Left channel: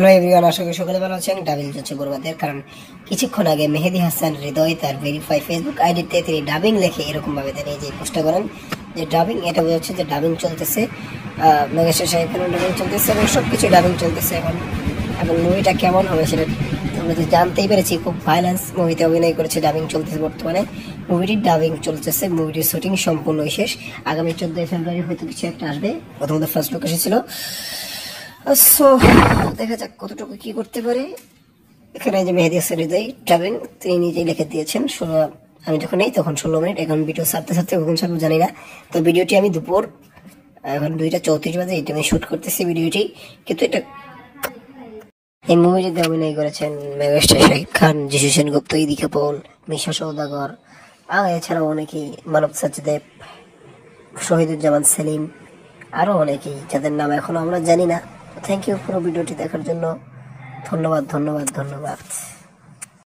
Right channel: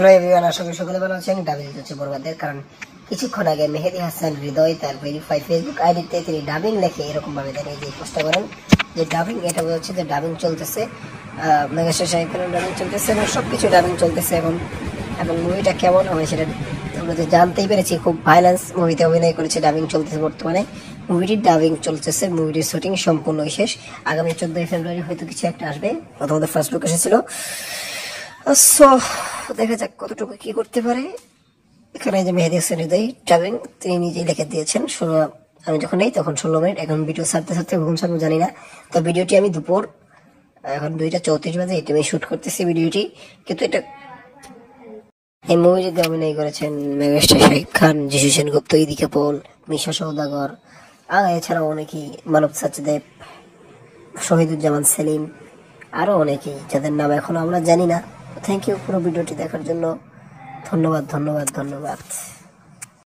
Hello everyone, আশা করি সকলে ভালো আছেন। ডাবিং চলছে বরবাদের, কারণ কিছুক্ষণ আগে মেহেদী হাসান হৃদয় তার ভেরিফাই ফেসবুক আইডিতে তিনি ডাবিং লেখে এরকম ভাবে তিনি যে পোস্টটা করেন যে ডাবিং, এটা বোঝা যাচ্ছে যে ডাবিং চলতেছে, মেগাস্টার শাহরুখ খানের ডাবিং চলতেছে এবং সবকিছু ডাবিং চলতেছে। এবং মুভিটা কেমন হবে সেটা আমরা যে জানতেই পেরেছি। খুব ভায়োলেন্স মুভিতে অভিনয় করেছে, ডাবিং চলতেছে বর্তমানে। মুভিটির ডাবিং চলতেছে, মুভিটির শুটিং সম্পূর্ণ শেষ। আগামী 14 ফেব্রুয়ারি হয়তো কিছু একটা আসবে, প্রথমত ফার্স্ট লুক এসেছিল। সো দেখা যাক কতটুকু কি করতে পারে। এখানে যে মেহেদী হাসান হৃদয় ডাবিং তিনি নিজেই লিখে দিয়েছেন। আমি যখন নেই তখন 16 মিনিট, এখন ভিডিও ছাড়তে ছাড়তে কখন ছাড়বো জানি না। তো ভিডিওটি আমি দুপুর এখন 2:34 বাজে এটা আমি শুট করতেছি ভিডিওটি। কিন্তু এটা এই মুভিটিতে অভিনয় করেছেন মেগাস্টার শাহরুখ খান, যিশু সেনগুপ্ত, ইদিকা পল, মিশা সওদাগর, আর এছাড়াও অনেকেই, মানব সচদেব, শহীদুজ্জামান সেলিম, আরো অনেকেই যাদের নাম এখনো আমরা জানি না। থ্যাংক ইউ পুরো ভিডিওটি দেখার জন্য। ধন্যবাদ।